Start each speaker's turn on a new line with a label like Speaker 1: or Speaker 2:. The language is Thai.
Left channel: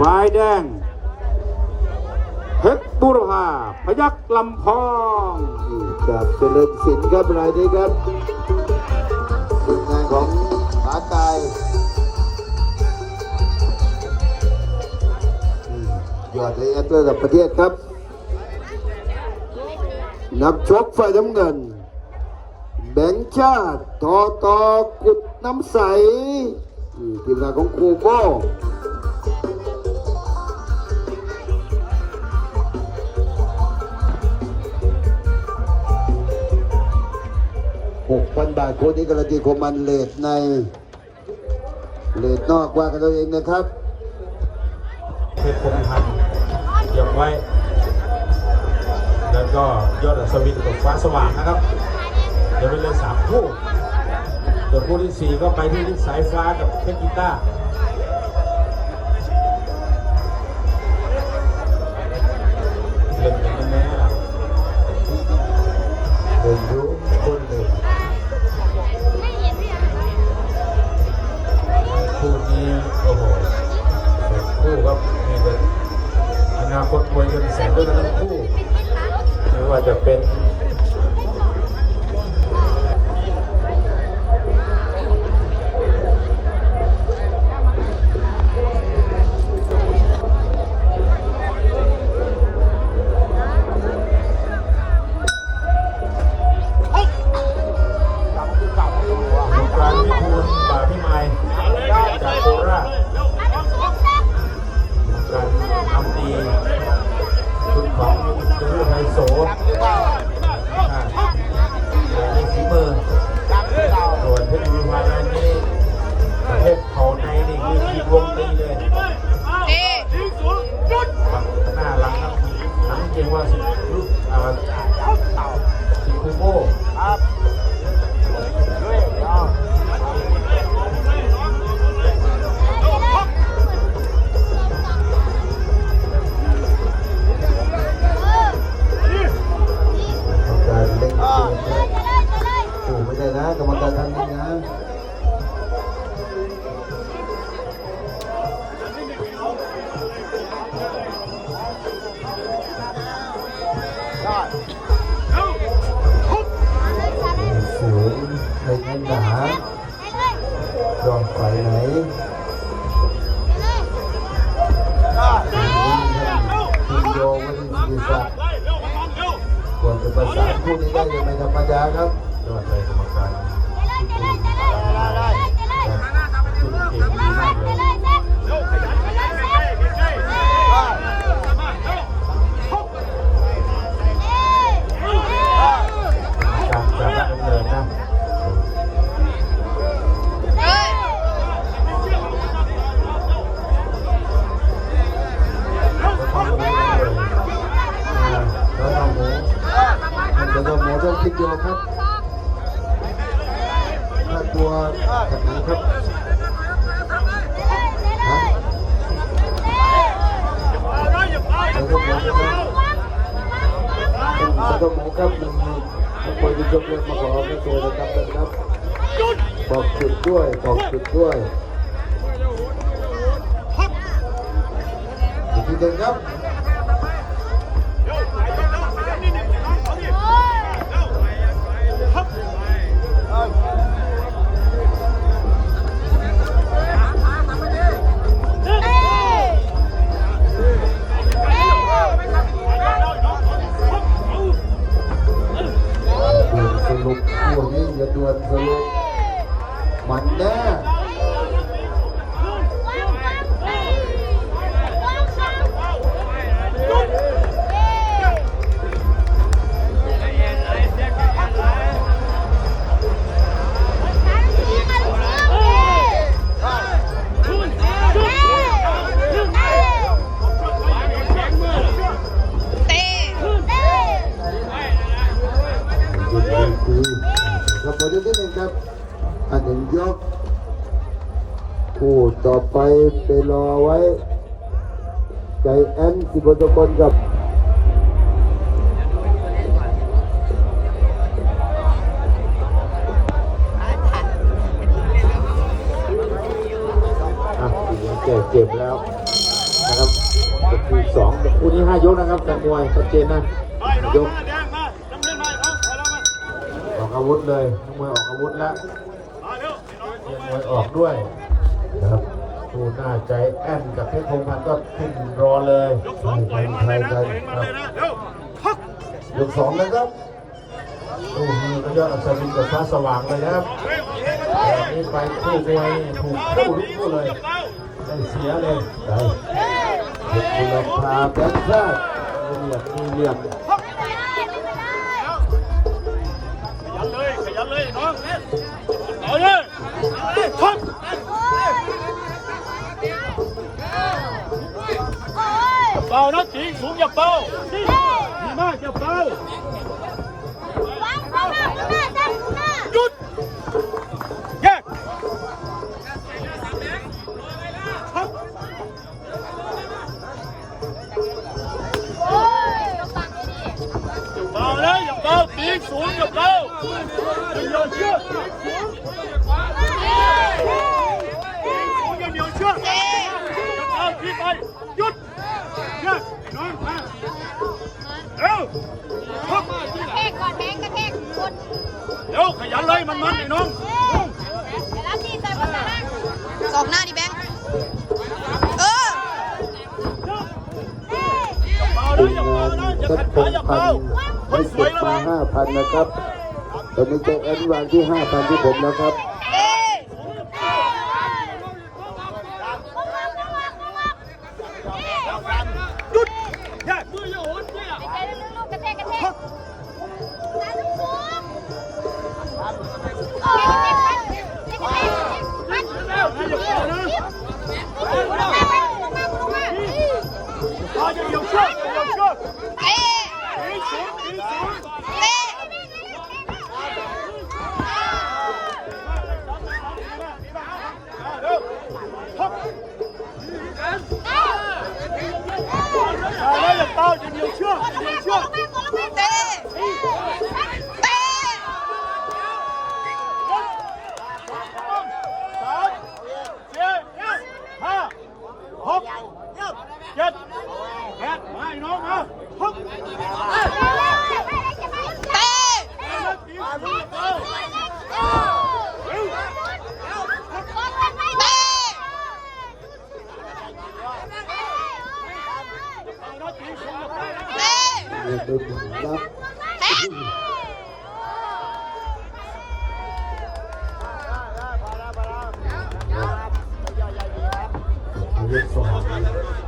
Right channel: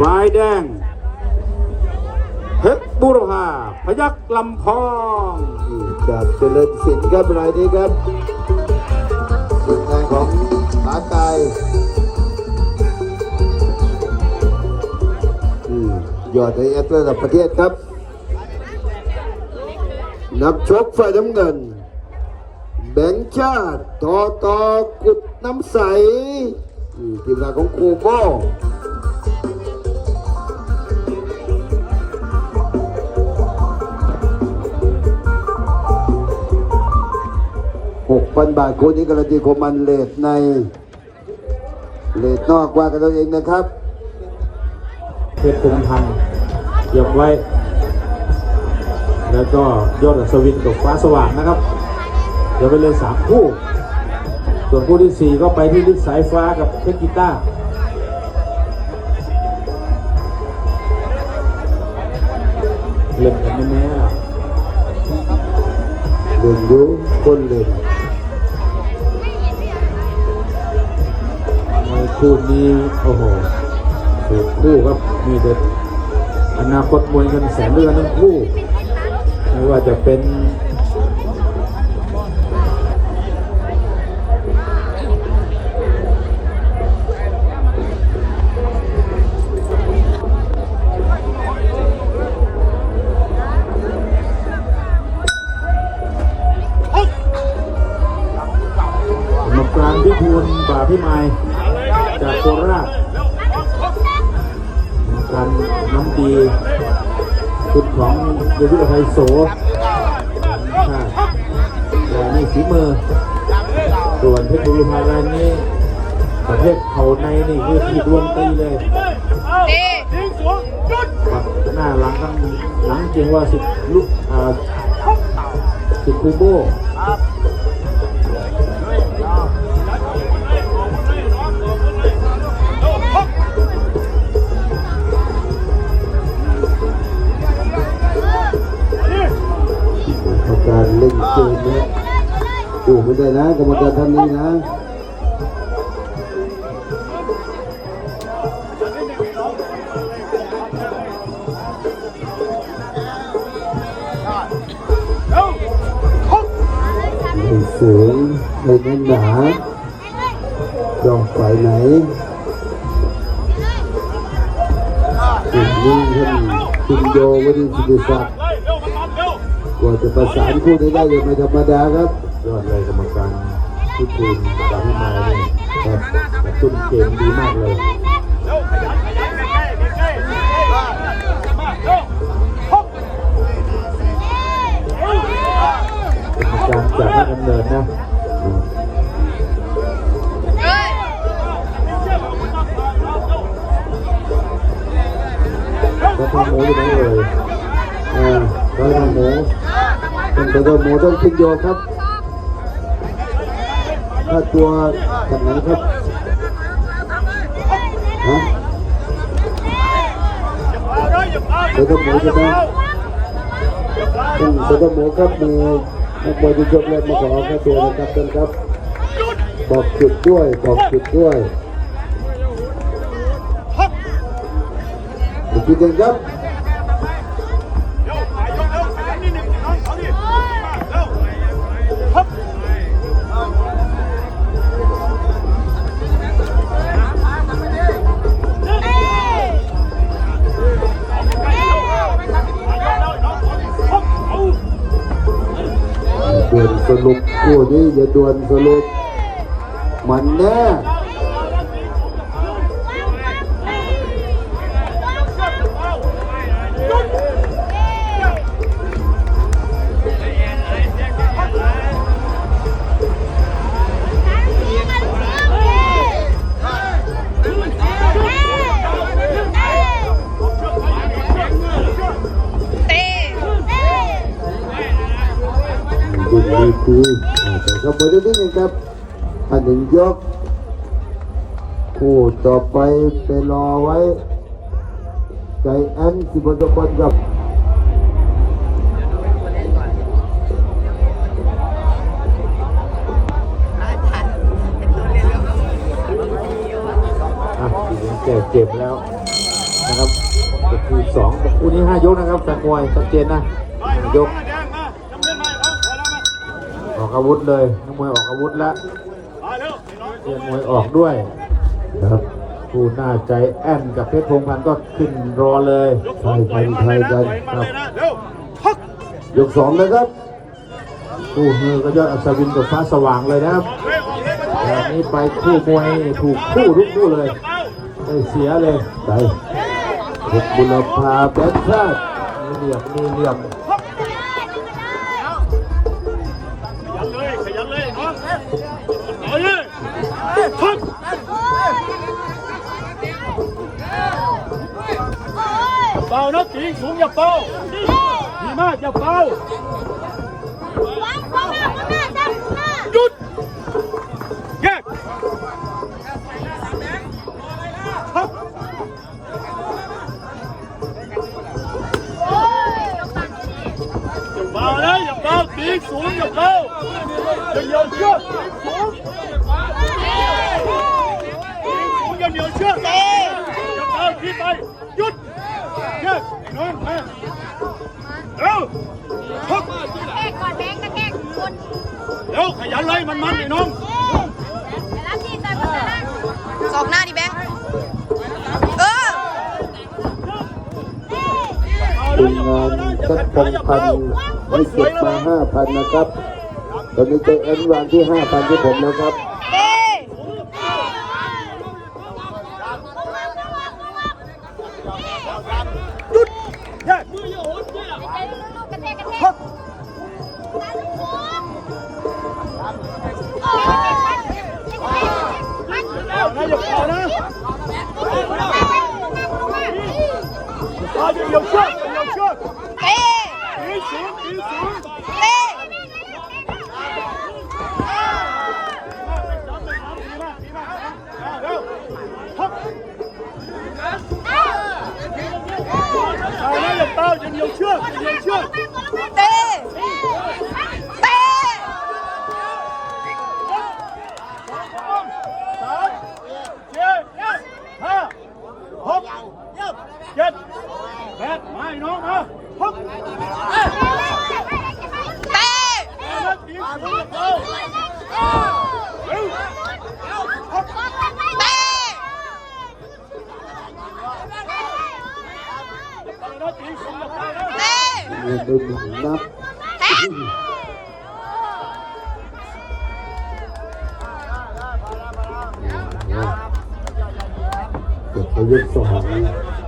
Speaker 1: ฝ่ายแดงเพชรบุรพาพยักลำพอง
Speaker 2: กับเจริญสินครับรายนี้ครับจุดของขาไก่ยอดใเอตระดับประเทศครับ นักชกฝ่ายน้ำเงิน แบงชาติต่อตอกุดน้ำใสทีมงานของครูโบ้ 1,000 บาทคู่นี้การันตีคมมันเลทในเลทนอกว่ากันเองนะครับ
Speaker 1: เพชรคงทันยกไว้ แล้วก็ยอดสวินกับฟ้าสว่างนะครับ เดี๋ยวไปเล่นสามคู่ ส่วนคู่ที่สี่ก็ไปที่ลิศสายฟ้ากับเพชรกีตาร์เล่นแน่ๆล่ะ
Speaker 2: เล่นรู้คนเล่น
Speaker 1: คู่นี้โอ้โหผูกคู่ครับมีแต่อนาคตมวยกันแสนด้วยกันทั้งคู่ไม่ว่าจะเป็น น้ำดีคุณของยุทธไทยโสค่ะแต่นี่ฝีมือ ส่วนเพชรบุรีมาแลนนี่ประเภทเขาในนี่คือขีดวงตีเลย
Speaker 3: เต้
Speaker 1: ปักหน้าหลังหลังจริงว่าสิบลูกอ่าสิบคูโบ
Speaker 2: กูไม่ได้นะกรรมการท่านนี้นะสูงไม่แน่นหนาจองฝ่ายไหนสิ่งนี้ท่านพิมโยวันิสิริศักดิ์กว่าจะประสานคู่นี้ได้ยังไม่ธรรมดาครับ
Speaker 1: ยอดเลยกรรมการที่ทีมบาพิมายนี่ครับตุนเกมดีมากเลยการจากนักดำเนินนะ
Speaker 3: เอ้ย
Speaker 1: ก็ทำหมูอยู่ตรงนี้เลย
Speaker 2: อ่าร้อยทำหมูเป็นตัวหมูต้องพิมโยครับ ถ้าตัวทางไหนครับฮะตัวหมูจะต้องเป็นตัวหมูครับมีนักบอลจะยกเลิกมาขอค่าตัวนะครับท่านครับบอกจุดด้วยบอกจุดด้วยอีกทีเดียวครับ ด่วนสนุกคู่นี้อย่าดวนสนุกมันแน่ ดูดีดีแต่ครับมาเรื่องนี้นะครับ อันหนึ่งยก คู่ต่อไปไปรอไว้ใจแอนสิบวันทุกคน
Speaker 1: กับ ออกอาวุธเลยนักมวยออกอาวุธแล้วเตรียมมวยออกด้วย
Speaker 2: ครับ
Speaker 1: ผู้หน้าใจแอนกับเพชรพงศ์พันธ์ก็ขึ้นรอเลย
Speaker 4: ยกสองปล่อยมันเลยนะปล่อยมันเลยนะเร็วทัก
Speaker 2: ยกสองนะครับ
Speaker 1: คู่นี้ก็ยอดอัศวินกับฟ้าสว่างเลยนะครับ
Speaker 4: ออกเลยออกเลยไป
Speaker 1: แบบนี้ไปคู่มวยนี่ถูกคู่ทุกคู่เลย
Speaker 4: เป้า
Speaker 1: ได้เสียเลย
Speaker 2: ไปเพชรบุรพาพันชาติ
Speaker 1: เหลี่ยมมือเหลี่ยม
Speaker 4: เลยนเลยน้องเอาเลยทักเป่านะตีสูงอย่าเป่าดีมากอย่าเป่าหยุดแยกทักอย่าเบานะอย่าเบาตีสูงอย่าเบา อย่าเหนียวเชือกตีสูงตีสูงอย่าเหนียวเชือกอย่าเบาทีไปหยุดเงียบไอ้น้องมาเร็วทัก
Speaker 3: แทกก่อนแบงกระแทกบน
Speaker 4: เร็วขยันเลยมันมันไอ้น้อง
Speaker 5: สองหน้าดิแบงค์เออ
Speaker 4: อย่าเผานะอย่ามเบางา
Speaker 2: นะ
Speaker 4: อย่าขัดขาอย่า
Speaker 2: พั
Speaker 4: เบานค
Speaker 2: ให้
Speaker 4: นส
Speaker 2: เก็
Speaker 4: วย
Speaker 2: บ
Speaker 4: แล้ว
Speaker 2: มา
Speaker 4: ง
Speaker 2: ห้าพันนะครับตอนนี้จะเอ็นวันที่ห้าพันที่ผมแล้วครับ
Speaker 4: หยุดแยกมืออย่าโหน
Speaker 3: ใจลึกๆกระแทกกระแท
Speaker 4: ทั
Speaker 3: ก
Speaker 4: กเอานะอย่าเป่านะอย่าเป่าอย่าเหยียวเชือกอย่าเหยียวเชือก
Speaker 5: เต้
Speaker 4: ตีสูงตีสูง
Speaker 5: เต้
Speaker 4: จ เอานะอย่าเป่าอย่าเหยียวเชือกอย่าเหยี เชือก
Speaker 5: เต้เต้
Speaker 4: สองสองสามสี่ห้าหกเจ็ดแปดมาไอ้น้องมาพัก
Speaker 5: เต้
Speaker 4: เอานะตีสูงอย่าเป่าเร็วพัก
Speaker 5: เต้
Speaker 4: อย่าเป่านะตีสูงอย่าเป่านะ
Speaker 5: เต้
Speaker 2: มีดูหนังนะ
Speaker 5: แท็ก
Speaker 2: เก็บไปยกสอง